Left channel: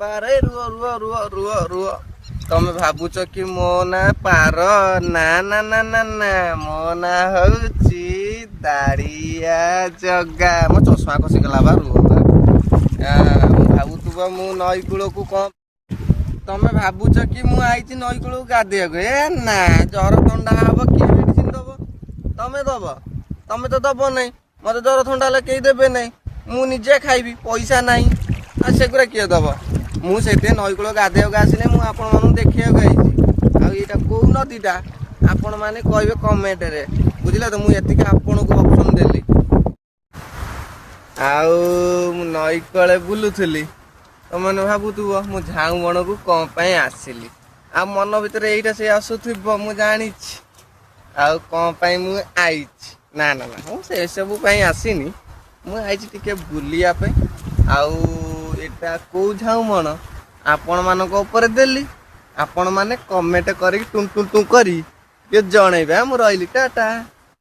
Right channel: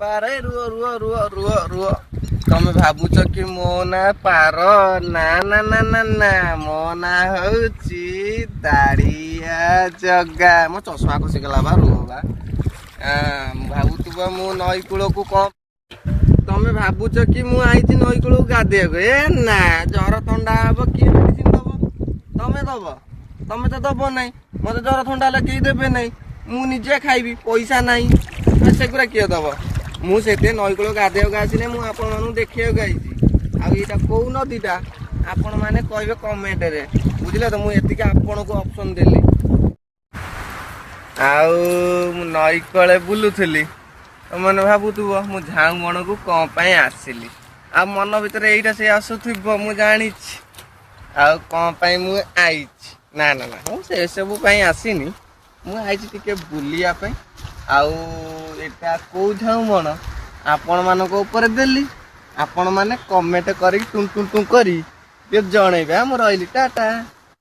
ପାରେ ରୁହ ରୁହ ରୁହ ରୁହ ରୁହ ତମେ ଭାବୁଛ କି ମୋ ନା ପାର ନା ନା ନା ନା ନା ମୋ ନା ହଉଛି ଦାଢିଆ ଜଗା ମୋ ଚଷମା ଖସିଗଲା ବା ରୁହ ବା ଭାବୁଥିବ ମୁଁ ନଈ କୂଳକୁ କଣ ତମେ ଭାବୁଛ କି ମୁଁ ଆଇଛି ନଈ କୂଳକୁ ଗାଧେଇବାକୁ ଏ ନା ଜର ଥଣ୍ଡା ହବ କିଏ ମେଡିସିନ ଦବ ତମେ ଦବ ତମେ ତ ଦବ ନାହିଁ ମତେ ଜର ଥଣ୍ଡା ହେଲେ କେହି ଦେବେ ନାହିଁ ମୁଁ ନିଜେ ଖାଇବି ପଇସା ନାହିଁ ସେଗୁଡ଼ା କିଏ ଦବ ମୁଁ ସେଥିପାଇଁ ନଈ କୂଳ ଗାଧେଇବାକୁ ଆସିଲେ ମୁଁ ଆପଣମାନଙ୍କୁ ଦେଖିବାକୁ ଆଇଛି ଆଉ ଏଇଟା କୋଉ ନଦୀଟା ଆପଣମାନେ କହିବେ କମେଣ୍ଟରେ ବୁଝିଲେ ତ ମୁଁ ଏତିକି ଆପଣଙ୍କୁ ଅପସନ୍ ଦେଲି ଆଉ ମୁଁ ନଈ କୂଳେ ବୁଲୁଥିଲି ତମାନେ ଭାବୁଥିବ ମୁଁ ଝାଉଁ ବଣକୁ କଣ ପାଇଁ ଆସିଲି ଆଉ ମନ ଭିତରେ ଏଇଟା ସେ ଆସୁଥିବ ମୁଁ ଜାଣିଛି ଆଉ କଣ ପାଇଁ ମୁଁ ଆଇଛି ନା ନା ନା ମୁଁ ସେସବୁ ପାଇଁ ଆସିନି ମୁଁ ଆଇଛି ଟିକେ ବୁଲିବା ପାଇଁ ଆଉ ଏଇଟା କୋଉ ଝାଉଁ ବଣ ଆପଣମାନଙ୍କ ଉପରେ ଦେଲି ଆପଣମାନେ କମେଣ୍ଟ କରିକି ଟୁଁ ଟୁଁ ଟୁଁ କରି ଟିକେ ଜଣେଇବେ ମୁଁ ରହିଲି ଟାଟା।